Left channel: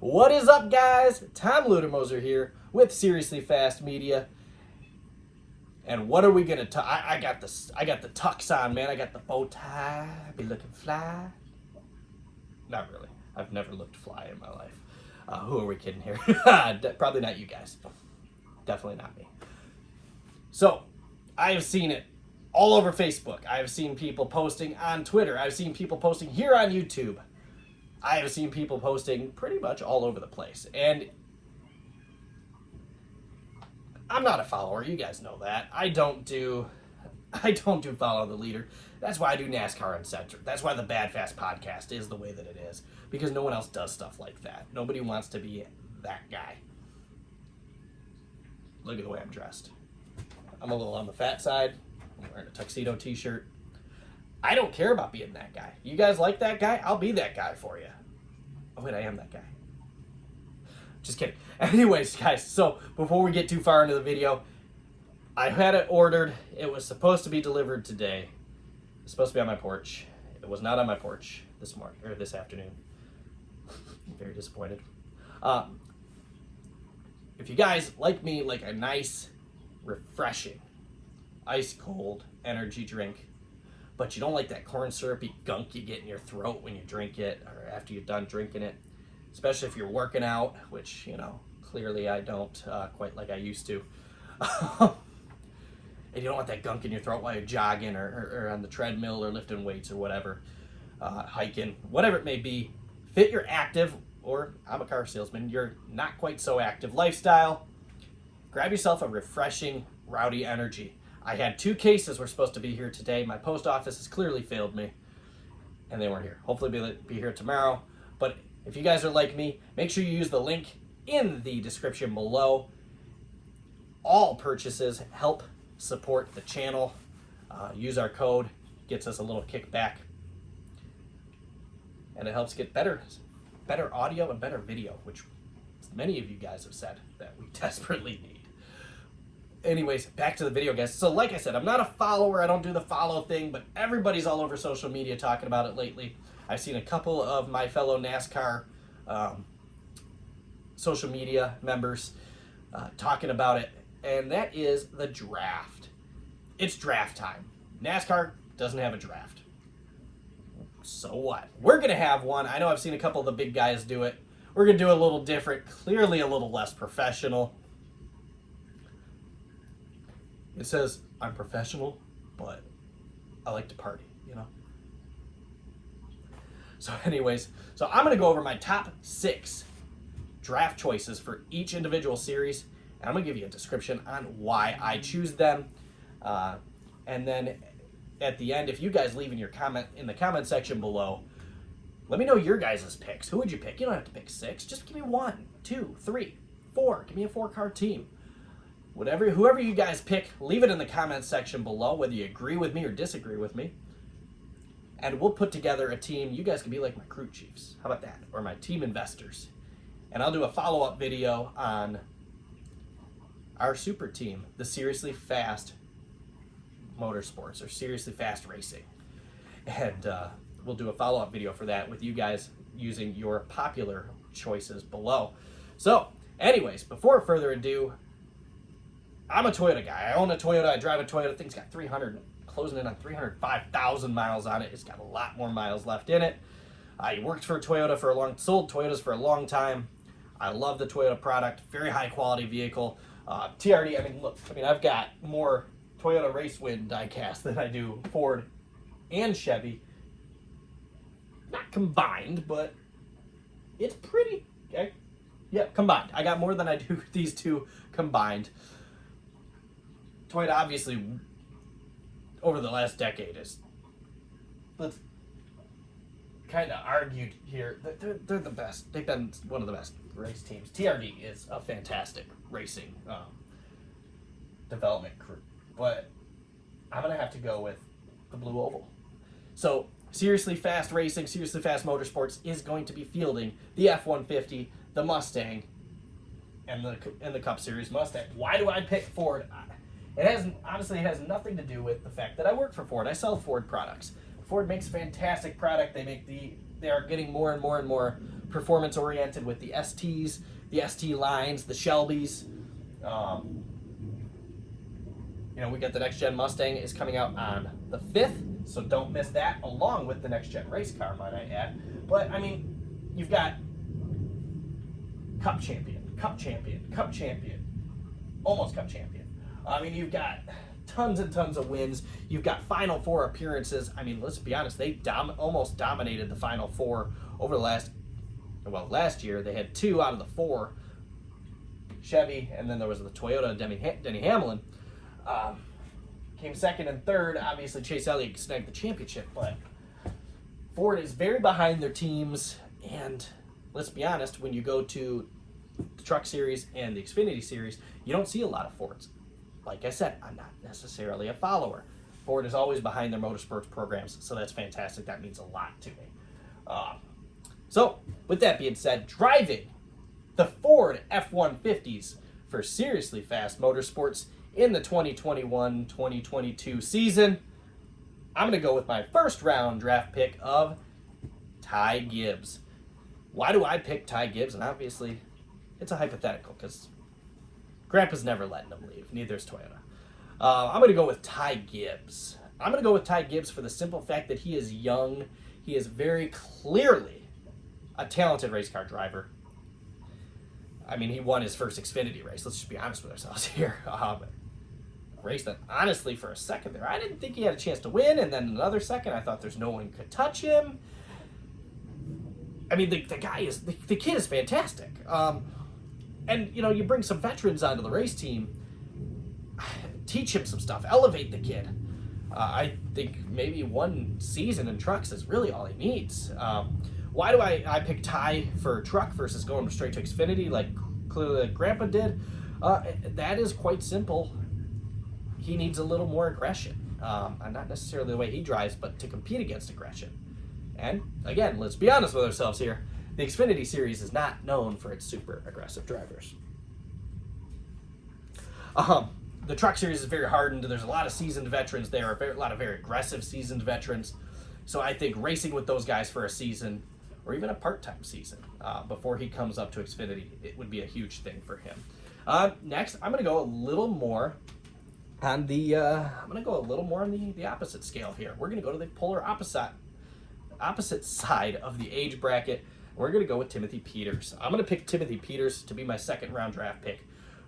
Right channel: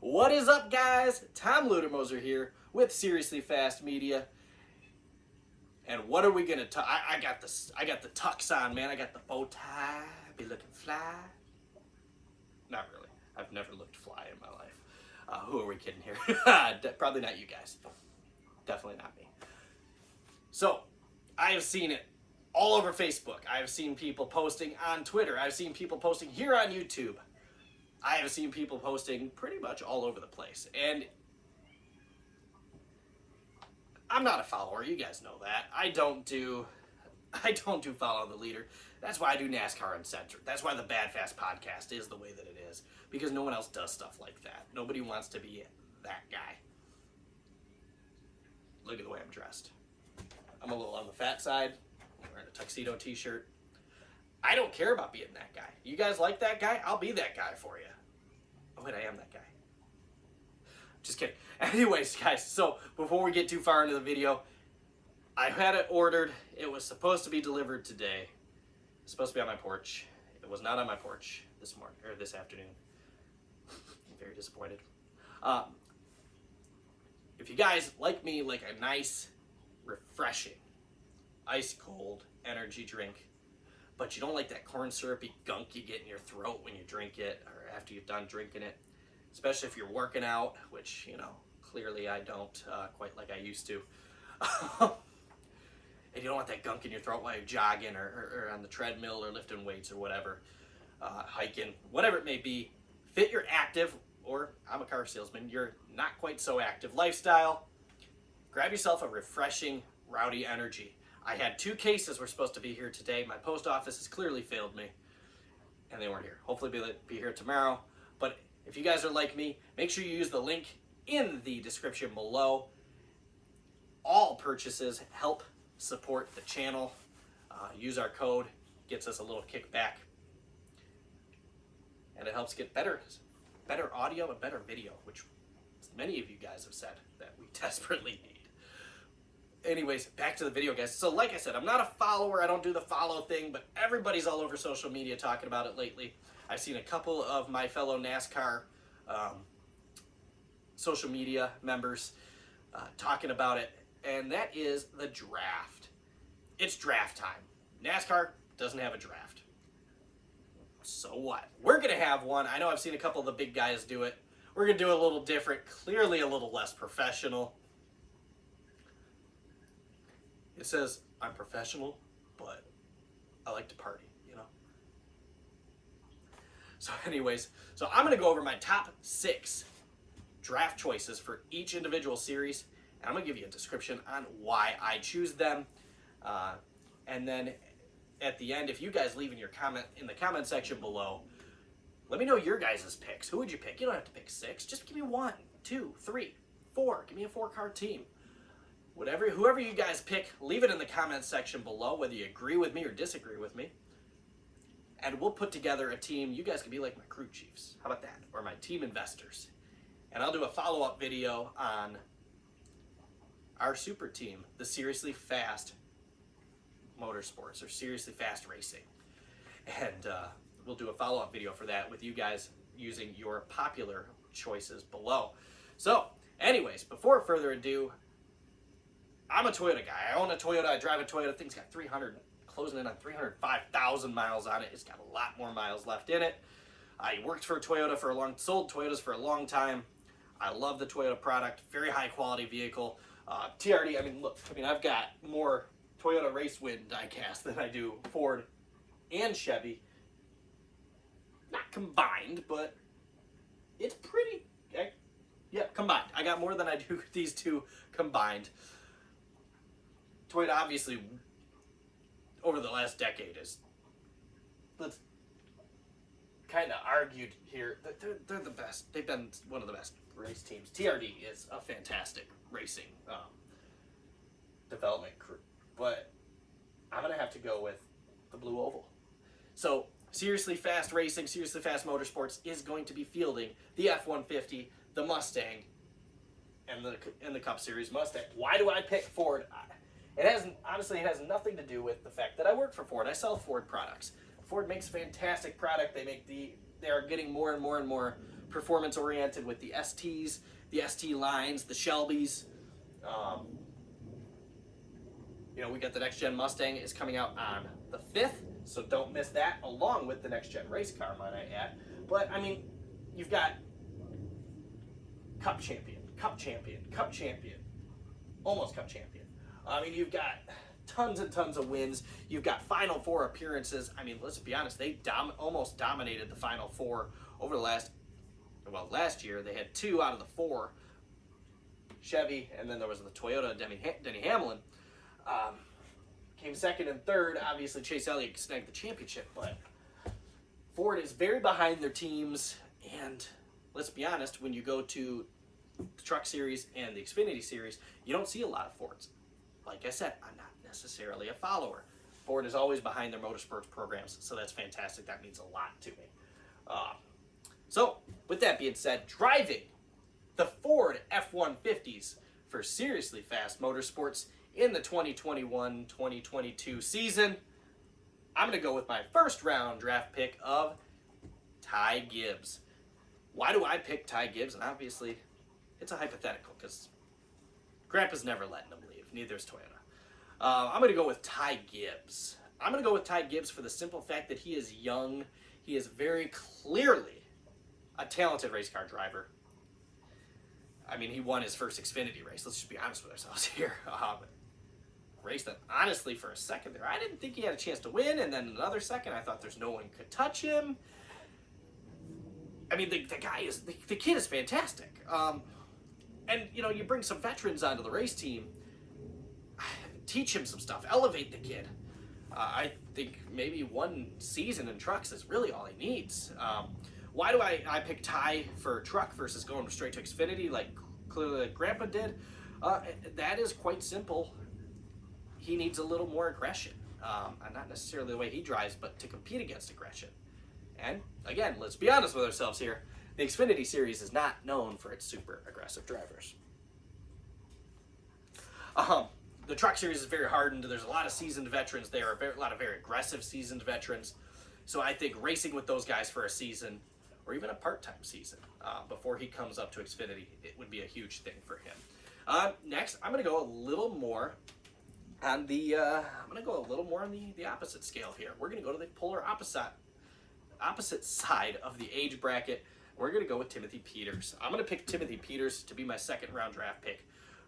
What is up, guys? Tom Ludermoser here with Seriously Fast Media. And what are we gonna talk? I got the tux on, man. I got the bow tie. Be looking fly. Not really. I've never looked fly in my life. Who are we kidding here? Probably not you guys. Definitely not me. So, I have seen it all over Facebook. I have seen people posting on Twitter. I've seen people posting here on YouTube. I have seen people posting pretty much all over the place. And I'm not a follower. You guys know that. I don't do follow the leader. That's why I do NASCAR Uncensored. That's why the Bad Fast podcast is the way that it is. Because no one else does stuff like that. Nobody wants to be that guy. Look at the way I'm dressed. I'm a little on the fat side. I'm wearing a tuxedo t-shirt. I don't care about being that guy. You guys like that guy? I'll be that guy for you. Oh, wait, I am that guy. Just kidding. Anyways, guys, so before we get too far into the video, I had it ordered. It was supposed to be delivered today. It's supposed to be on my porch. It was not on my porch this morning or this afternoon. I'm very disappointed. If you guys like me, like a nice, refreshing, ice cold energy drink, but you don't like that corn syrupy gunk you get in your throat when you drink it or after you're done drinking it, especially if you're working out, which, you know, clearly I don't quite like I used to. And you don't want that gunk in your throat while you're jogging or on the treadmill or lifting weights or whatever, hiking, whatever it may be. Fit your active, or I'm a car salesman, you're not quite so active lifestyle. Grab yourself a refreshing, rowdy energy. I had 2 cases were supposed to be here today. My post office has clearly failed me, and they weren't here. Hopefully they'll be here tomorrow. But if you guys are like me, make sure you use the link in the description below. All purchases help support the channel. Use our code, gets us a little kickback, and it helps get better audio and better video, which many of you guys have said that we desperately need. Anyways, back to the video, guys. So like I said, I'm not a follower. I don't do the follow thing, but everybody's all over social media talking about it lately. I've seen a couple of my fellow NASCAR social media members talking about it, and that is the draft. It's draft time. NASCAR doesn't have a draft. So what? We're going to have one. I know I've seen a couple of the big guys do it. We're going to do it a little different, clearly a little less professional. It says, I'm professional, but I like to party, you know? So anyways, so I'm going to go over my top 6 draft choices for each individual series, and I'm going to give you a description on why I choose them. And then at the end, if you guys leave in your comment in the comment section below, let me know your guys' picks. Who would you pick? You don't have to pick 6. Just give me 1, 2, 3, 4. Give me a 4-car team. Whoever you guys pick, leave it in the comments section below, whether you agree with me or disagree with me. And we'll put together a team. You guys can be like my crew chiefs. How about that? Or my team investors. And I'll do a follow-up video on our super team, the Seriously Fast Motorsports, or Seriously Fast Racing. And we'll do a follow-up video for that with you guys using your popular choices below. So, anyways, before further ado, I'm a Toyota guy. I own a Toyota. I drive a Toyota. Thing's got closing in on 305,000 miles on it. It's got a lot more miles left in it. I worked for Toyota sold Toyotas for a long time. I love the Toyota product. Very high quality vehicle. TRD, I've got more Toyota Race Wind diecast than I do Ford and Chevy. Not combined, but it's pretty, combined. I got more than I do these 2 combined. Toyota, obviously, over the last decade, let's kind of argue here, they're the best. They've been one of the best race teams. TRD is a fantastic racing development crew, but I'm going to have to go with the Blue Oval. So, Seriously Fast Racing, Seriously Fast Motorsports is going to be fielding the F-150, the Mustang, and the Cup Series Mustang. Why do I pick Ford? It has nothing to do with the fact that I work for Ford. I sell Ford products. Ford makes a fantastic product. They they are getting more and more and more performance oriented with the STs, the ST lines, the Shelbys. You know, we got the next gen Mustang is coming out on the 5th, so don't miss that, along with the next gen race car, might I add. But I mean, you've got Cup champion, Cup champion, Cup champion, almost Cup champion. I mean, you've got tons and tons of wins. You've got Final Four appearances. I mean, let's be honest, they almost dominated the Final Four over the last year. They had 2 out of the 4. Chevy, and then there was the Toyota Denny Hamlin. Came second and third. Obviously, Chase Elliott snagged the championship, but Ford is very behind their teams. And let's be honest, when you go to the Truck Series and the Xfinity Series, you don't see a lot of Fords. Like I said, I'm not necessarily a follower. Ford is always behind their motorsports programs, so that's fantastic. That means a lot to me. So, with that being said, driving the Ford F-150s for Seriously Fast Motorsports in the 2021-2022 season, I'm going to go with my first round draft pick of Ty Gibbs. Why do I pick Ty Gibbs? And obviously, it's a hypothetical because Grandpa's never letting him leave. Neither is Toyota. I'm going to go with Ty Gibbs. I'm going to go with Ty Gibbs for the simple fact that he is young. He is very clearly a talented race car driver. I mean, he won his first Xfinity race. Let's just be honest with ourselves here. Race that, honestly, for a second there, I didn't think he had a chance to win, and then another second, I thought there's no one could touch him. I mean, the guy is, the kid is fantastic. And, you know, you bring some veterans onto the race team, teach him some stuff, elevate the kid. I think maybe one season in trucks is really all he needs. Why do I pick Ty for truck versus going straight to Xfinity like clearly Grandpa did? That is quite simple. He needs a little more aggression. And not necessarily the way he drives, but to compete against aggression. And again, let's be honest with ourselves here. The Xfinity Series is not known for its super aggressive drivers. The Truck Series is very hardened. There's a lot of seasoned veterans there, a lot of very aggressive seasoned veterans. So I think racing with those guys for a season, or even a part-time season, before he comes up to Xfinity, it would be a huge thing for him. Next, I'm going to go a little more on the the opposite scale here. We're going to go to the polar opposite side of the age bracket. We're going to go with Timothy Peters. I'm going to pick Timothy Peters to be my second round draft pick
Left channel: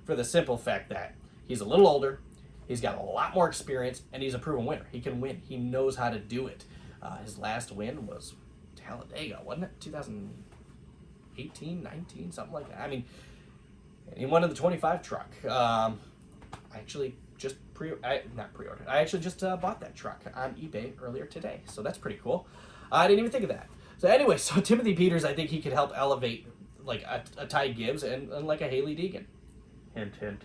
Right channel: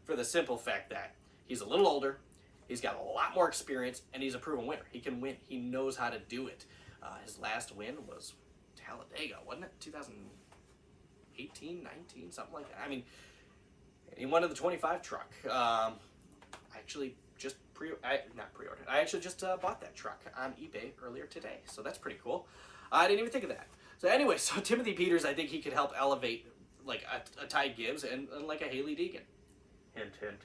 for the simple fact that he's a little older, he's got a lot more experience, and he's a proven winner. He can win. He knows how to do it. His last win was Talladega, wasn't it? 2018, 19, something like that. I mean, he won in the 25 truck. I actually just I actually just bought that truck on eBay earlier today, so that's pretty cool. I didn't even think of that. So anyway, so Timothy Peters, I think he could help elevate like a Ty Gibbs and like a Haley Deegan. Hint, hint.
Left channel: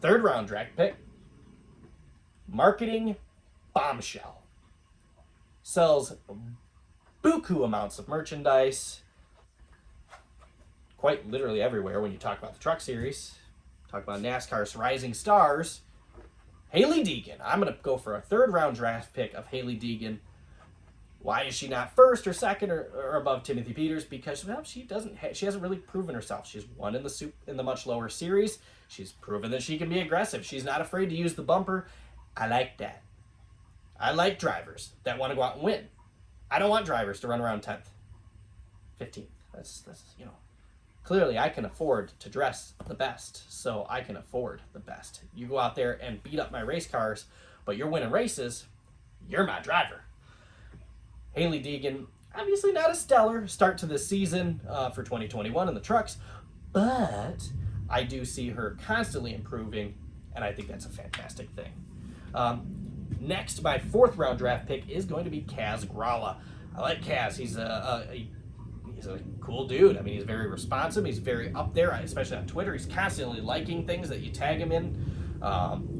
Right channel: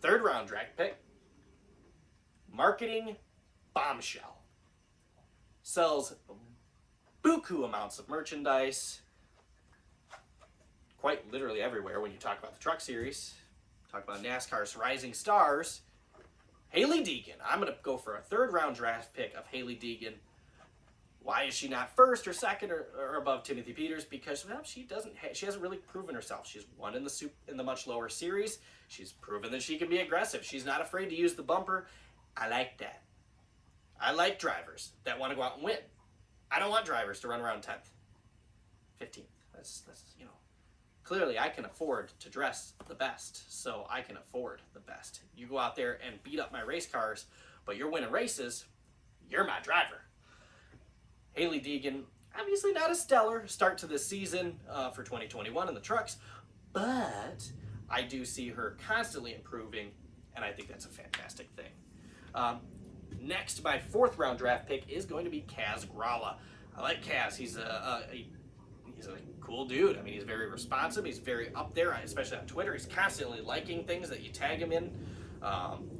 Third round draft pick. Marketing bombshell. Sells buku amounts of merchandise. Quite literally everywhere when you talk about the Truck Series. Talk about NASCAR's rising stars. Haley Deegan. I'm going to go for a third round draft pick of Haley Deegan. Why is she not first or second or above Timothy Peters? Because, well, she hasn't really proven herself. She's won in the much lower series. She's proven that she can be aggressive. She's not afraid to use the bumper. I like that. I like drivers that want to go out and win. I don't want drivers to run around 10th, 15th. That's you know. Clearly, I can afford to dress the best, so I can afford the best. You go out there and beat up my race cars, but you're winning races, you're my driver. Haley Deegan, obviously not a stellar start to this season for 2021 in the trucks, but I do see her constantly improving, and I think that's a fantastic thing. Next, my fourth round draft pick is going to be Kaz Gralla. I like Kaz. He's a cool dude. I mean, he's very responsive. He's very up there, especially on Twitter. He's constantly liking things that you tag him in.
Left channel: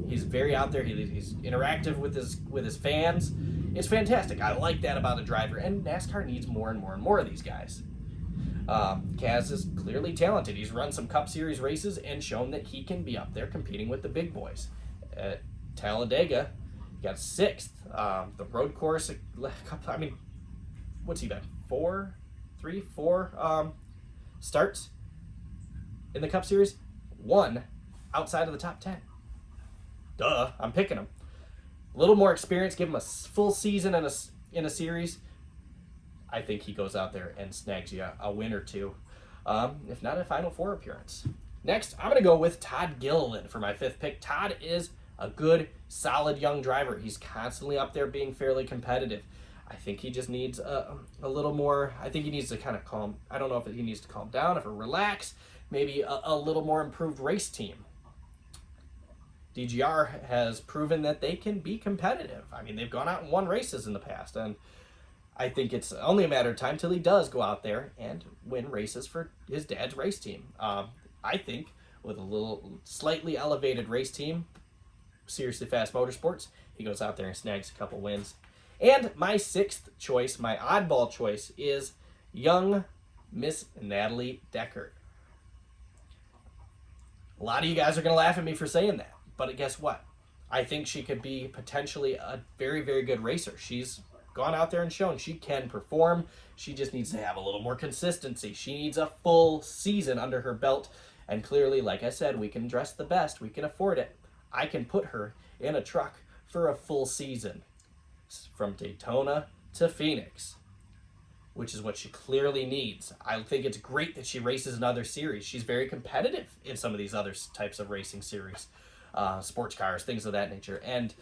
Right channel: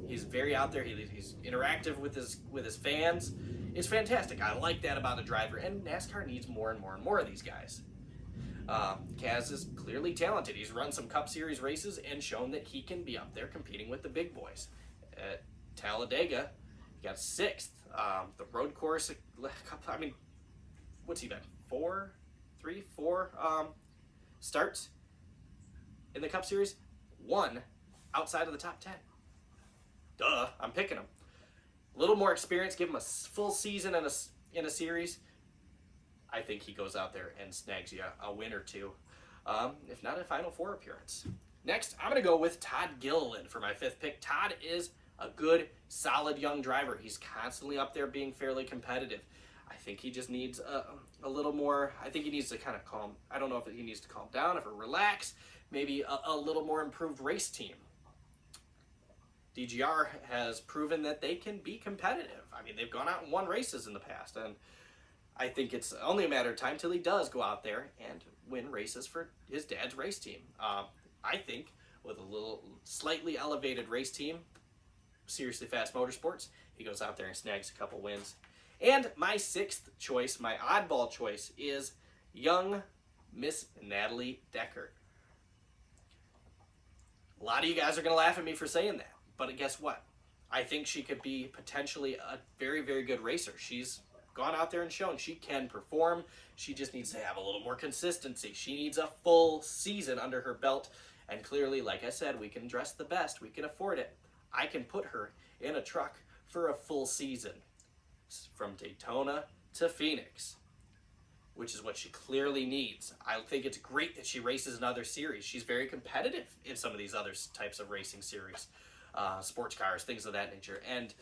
He's very out there. He's interactive with his fans. It's fantastic. I like that about a driver, and NASCAR needs more and more and more of these guys. Kaz is clearly talented. He's run some Cup Series races and shown that he can be up there competing with the big boys. At Talladega, he got 6th. The road course, I mean, what's he done? 4 starts in the Cup Series. 1 outside of the top 10. Duh, I'm picking him. A little more experience, give him a full season in a series. I think he goes out there and snags you a win or two, if not a Final Four appearance. Next, I'm going to go with Todd Gilliland for my 5th pick. Todd is a good, solid young driver. He's constantly up there being fairly competitive. I think he just needs a little more. I think he needs to kind of calm. I don't know if he needs to calm down, if relax, maybe a little more improved race team. DGR has proven that they can be competitive. I mean, they've gone out and won races in the past, and I think it's only a matter of time till he does go out there and win races for his dad's race team. I think with a little slightly elevated race team, Seriously Fast Motorsports, he goes out there and snags a couple wins. And my 6th choice, my oddball choice, is young Miss Natalie Deckert. A lot of you guys are going to laugh at me for saying that, but guess what? I think she could be potentially a very, very good racer. She's gone out there and shown she can perform. She just needs to have a little more consistency. She needs a full season under her belt. And clearly, like I said, we can dress the best. We can afford it. I can put her in a truck for a full season. From Daytona to Phoenix, which is what she clearly needs. I think it's great that she races in other series. She's very competitive in some of these other types of racing series, sports cars, things of that nature. And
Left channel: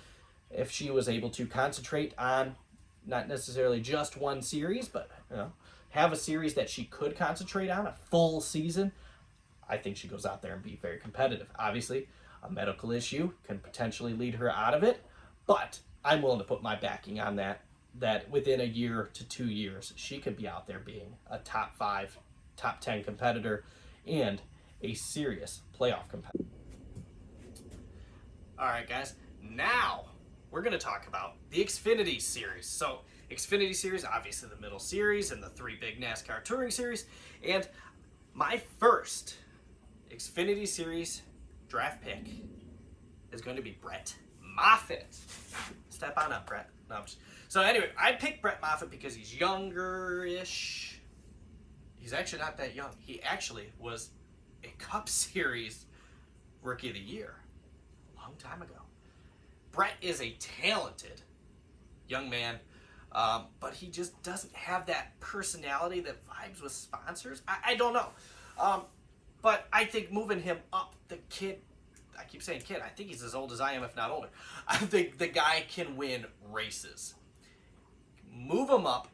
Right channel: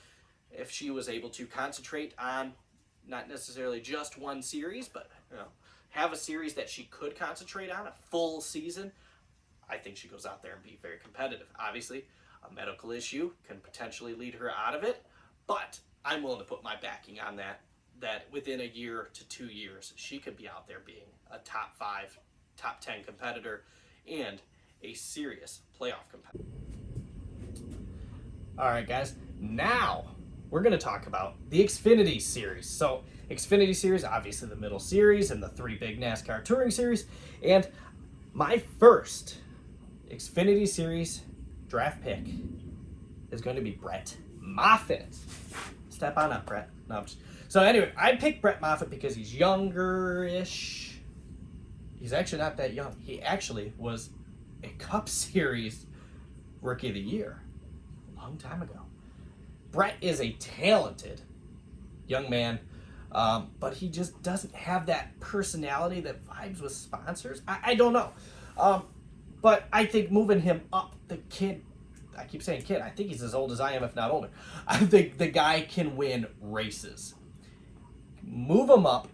if she was able to concentrate on not necessarily just one series, but have a series that she could concentrate on, a full season, I think she goes out there and be very competitive. Obviously, a medical issue can potentially lead her out of it, but I'm willing to put my backing on that within a year to 2 years, she could be out there being a top 5, top 10 competitor and a serious playoff competitor. All right, guys, now we're going to talk about the Xfinity Series. So Xfinity Series, obviously the middle series and the 3 big NASCAR Touring Series. And my first Xfinity Series draft pick is going to be Brett Moffitt. Step on up, Brett. No, so anyway, I picked Brett Moffitt because he's younger-ish. He's actually not that young. He actually was a Cup Series Rookie of the Year a long time ago. Brett is a talented young man, but he just doesn't have that personality that vibes with sponsors. I don't know. But I think moving him up, the kid, I keep saying kid, I think he's as old as I am, if not older. I think the guy can win races. Move him up,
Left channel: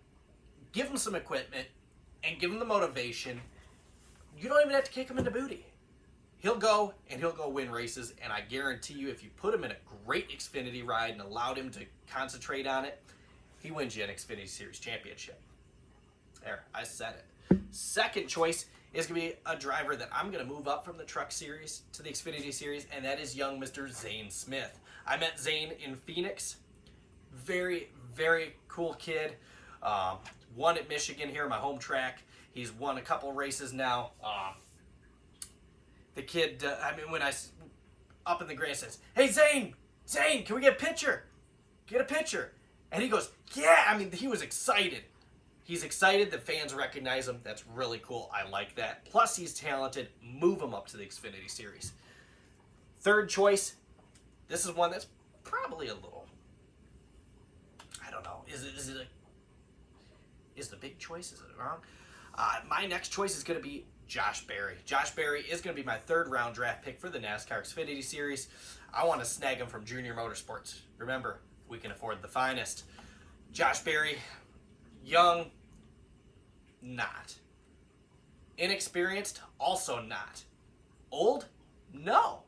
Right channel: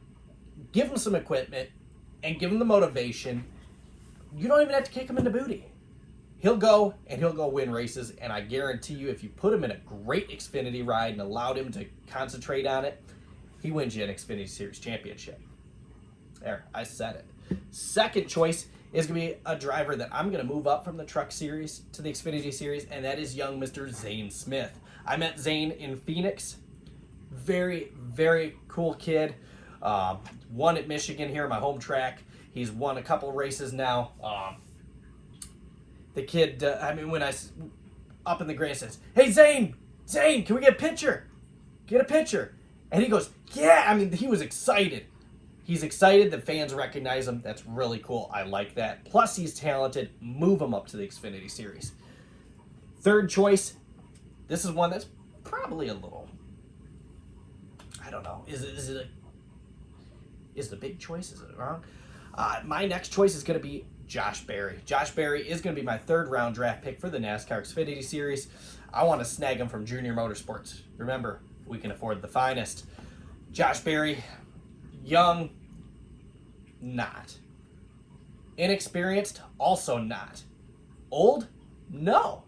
give him some equipment, and give him the motivation. You don't even have to kick him in the booty. He'll go, and he'll go win races, and I guarantee you, if you put him in a great Xfinity ride and allowed him to concentrate on it, he wins you an Xfinity Series championship. There, I said it. Second choice is going to be a driver that I'm going to move up from the Truck Series to the Xfinity Series, and that is young Mr. Zane Smith. I met Zane in Phoenix. Very, very cool kid. Won at Michigan here, my home track. He's won a couple races now. The kid, when I up in the grade says, "Hey, Zane, can we get a picture? Get a picture." And he goes, "Yeah." He was excited. He's excited that fans recognize him. That's really cool. I like that. Plus, he's talented. Move him up to the Xfinity Series. Third choice. This is one that's probably a little, I don't know. Is it a big choice? Is it wrong? My next choice is going to be Josh Berry. Josh Berry is going to be my 3rd round draft pick for the NASCAR Xfinity Series. I want to snag him from Junior Motorsports. Remember, we can afford the finest. Josh Berry, young, not. Inexperienced, also not. Old? No.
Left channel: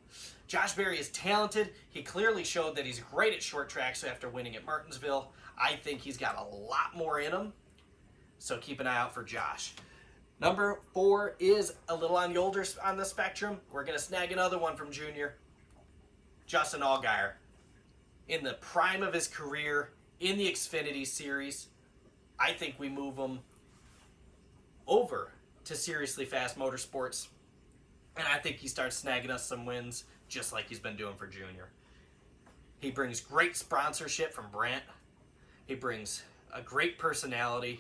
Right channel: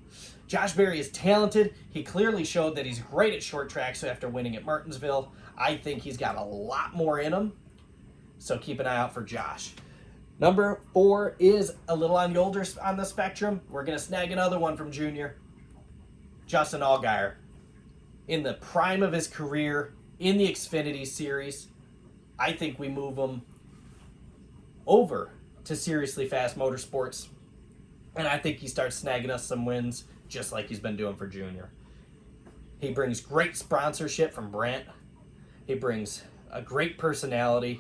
Josh Berry is talented. He clearly showed that he's great at short tracks after winning at Martinsville. I think he's got a lot more in him. So keep an eye out for Josh. Number 4 is a little on the older on the spectrum. We're going to snag another one from Junior. Justin Allgaier. In the prime of his career in the Xfinity Series, I think we move him over to Seriously Fast Motorsports. And I think he starts snagging us some wins just like he's been doing for Junior. He brings great sponsorship from Brandt. He brings a great personality.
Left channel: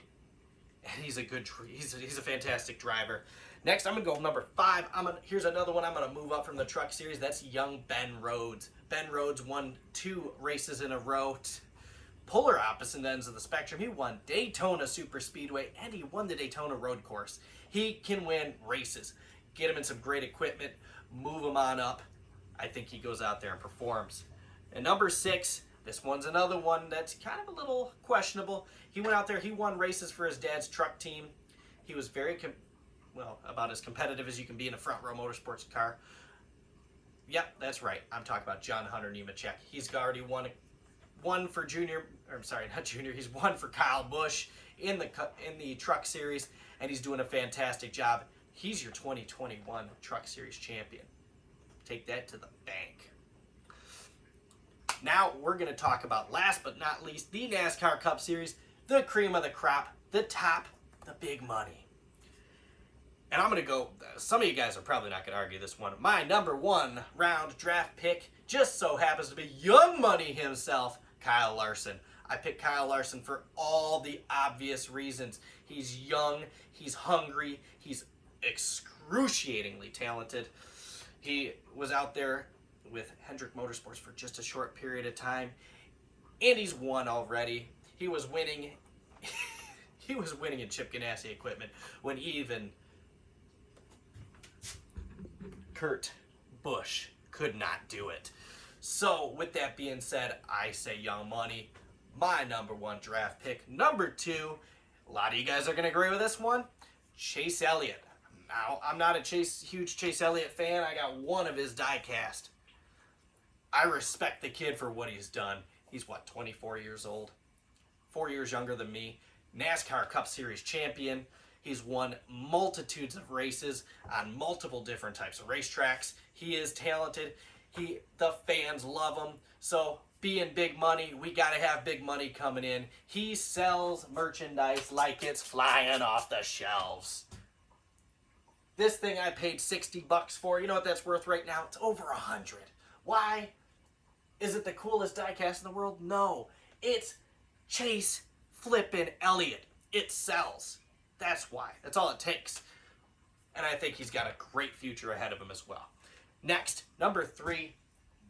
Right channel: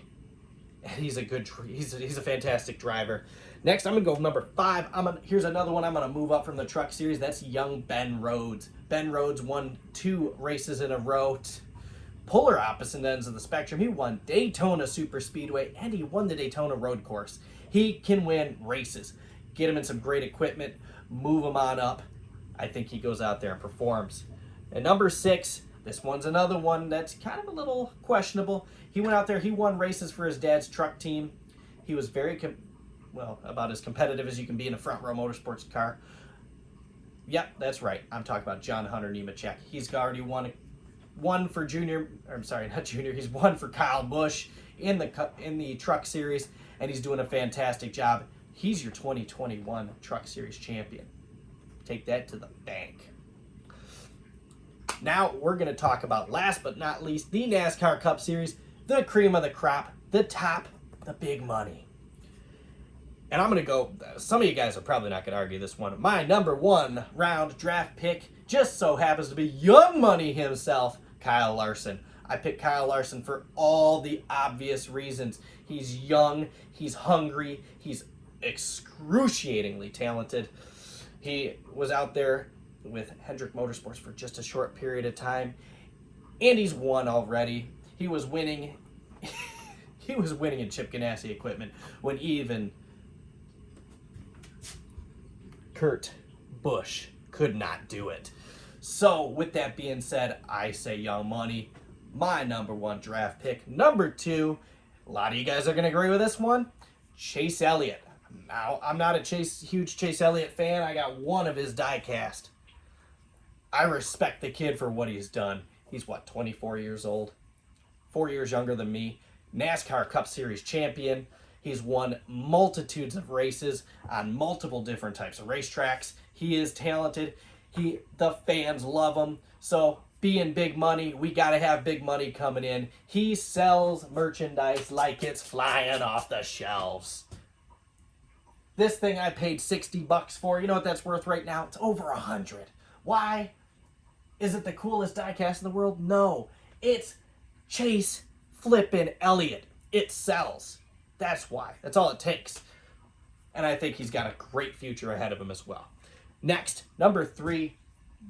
And he's a fantastic driver. Next, I'm going to go with number 5. Here's another one I'm going to move up from the truck series. That's young Ben Rhodes. Ben Rhodes won 2 races in a row. Polar opposite ends of the spectrum. He won Daytona Super Speedway, and he won the Daytona Road Course. He can win races. Get him in some great equipment. Move him on up. I think he goes out there and performs. And number 6, this one's another one that's kind of a little questionable. He went out there. He won races for his dad's truck team. He was very about as competitive as you can be in a front row motorsports car. Yep, that's right. I'm talking about John Hunter Nemechek. He's already won for Junior, or I'm sorry, not Junior. He's won for Kyle Busch in the truck series, and he's doing a fantastic job. He's your 2021 Truck Series champion. Take that to the bank. Now we're going to talk about, last but not least, the NASCAR Cup Series, the cream of the crop, the top, the big money. And I'm going to go, some of you guys are probably not going to argue this one. My number 1 round draft pick just so happens to be young money himself, Kyle Larson. I picked Kyle Larson for all the obvious reasons. He's young, he's hungry, he's excruciatingly talented. He was out there with Hendrick Motorsports for just a short period of time, and he's won already. He was winning in Chip Ganassi equipment when even Kurt Busch could not do it. So with that being said, I say young money, my number 1 draft pick. Number 2, a lot of you guys are going to agree with this one, Chase Elliott. Now, I'm not a huge Chase Elliott fan. I got one of his die-cast. I respect the kid for what he's done. He's, 24 years old? 4 years younger than me. NASCAR Cup Series champion. He's won multitudes of races on multiple different types of racetracks. He is talented. The fans love him. So, being big money, we got to have big money coming in. He sells merchandise like it's flying off the shelves. This thing I paid $60 for. You know what that's worth right now? It's over $100. Why? Is it the coolest diecast in the world? No. It's Chase flippin' Elliott. It sells. That's why. That's all it takes. And I think he's got a great future ahead of him as well. Next, number 3,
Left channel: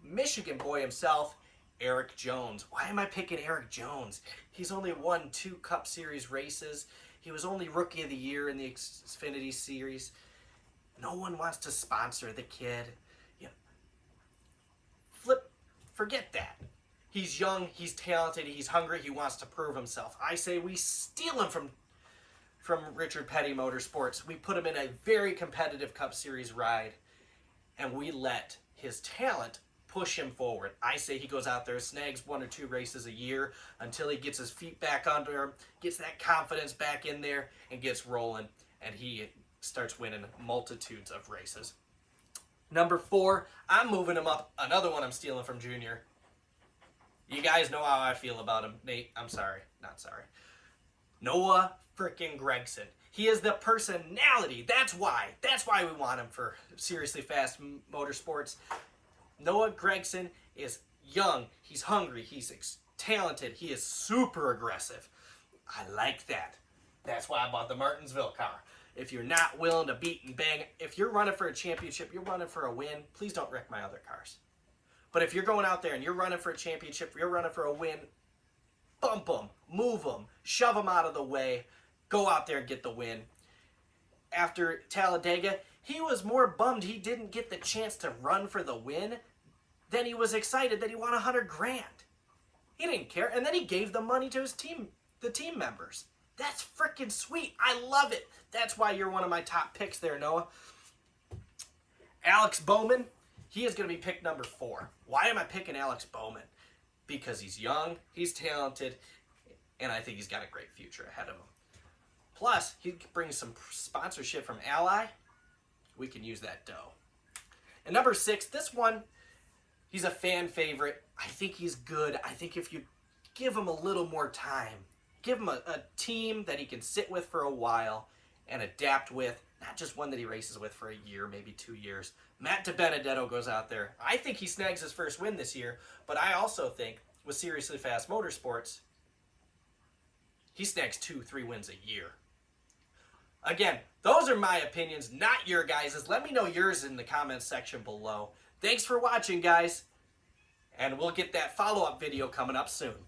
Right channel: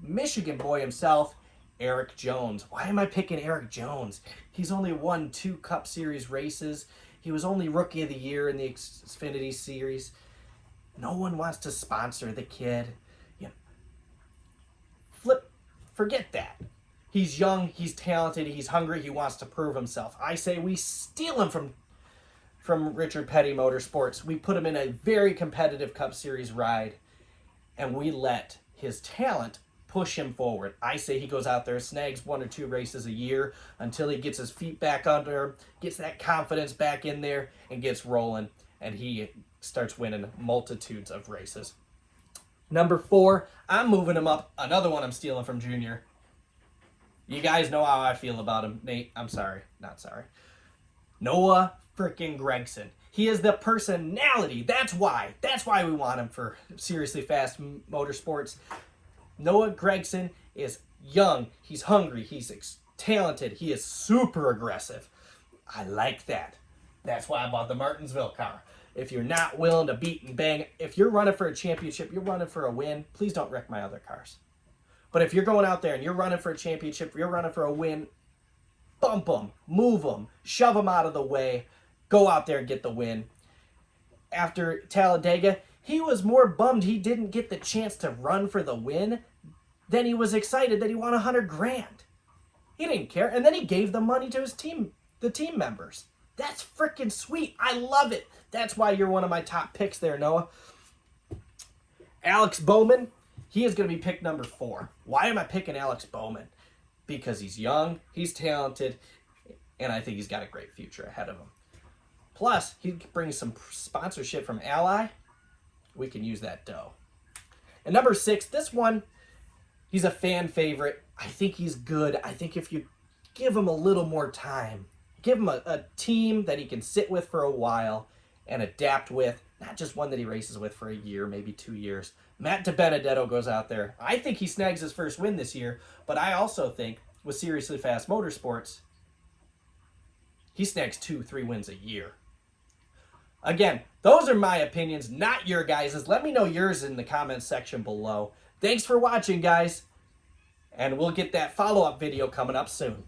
Michigan boy himself, Eric Jones. Why am I picking Eric Jones? He's only won 2 Cup Series races. He was only Rookie of the Year in the Xfinity Series. No one wants to sponsor the kid. Forget that. He's young, he's talented, he's hungry, he wants to prove himself. I say we steal him from Richard Petty Motorsports. We put him in a very competitive Cup Series ride, and we let his talent push him forward. I say he goes out there, snags 1 or 2 races a year until he gets his feet back under him, gets that confidence back in there, and gets rolling, and he starts winning multitudes of races. Number 4, I'm moving him up. Another one I'm stealing from Junior. You guys know how I feel about him. Nate, I'm sorry. Not sorry. Noah frickin' Gragson. He is the personality. That's why. That's why we want him for Seriously Fast Motorsports. Noah Gragson is young. He's hungry. He's talented. He is super aggressive. I like that. That's why I bought the Martinsville car. If you're not willing to beat and bang, if you're running for a championship, you're running for a win, please don't wreck my other cars. But if you're going out there and you're running for a championship, you're running for a win, bump them, move them, shove them out of the way, go out there and get the win. After Talladega, he was more bummed he didn't get the chance to run for the win than he was excited that he won $100,000. He didn't care, and then he gave the money to his team, the team members. That's freaking sweet. I love it. That's why you're one of my top picks there, Noah. Alex Bowman, he is going to be pick number 4. Why am I picking Alex Bowman? Because he's young, he's talented, and I think he's got a great future ahead of him. Plus, he brings some sponsorship from Ally. We can use that dough. And number 6, this one, he's a fan favorite. I think he's good. I think if you give him a little more time, give him a team that he can sit with for a while and adapt with, not just one that he races with for a year, maybe 2 years. Matt DiBenedetto goes out there. I think he snags his first win this year, but I also think with Seriously Fast Motorsports, he snags 2-3 wins a year. Again, those are my opinions, not your guys'. Let me know yours in the comments section below. Thanks for watching, guys, and we'll get that follow-up video coming up soon.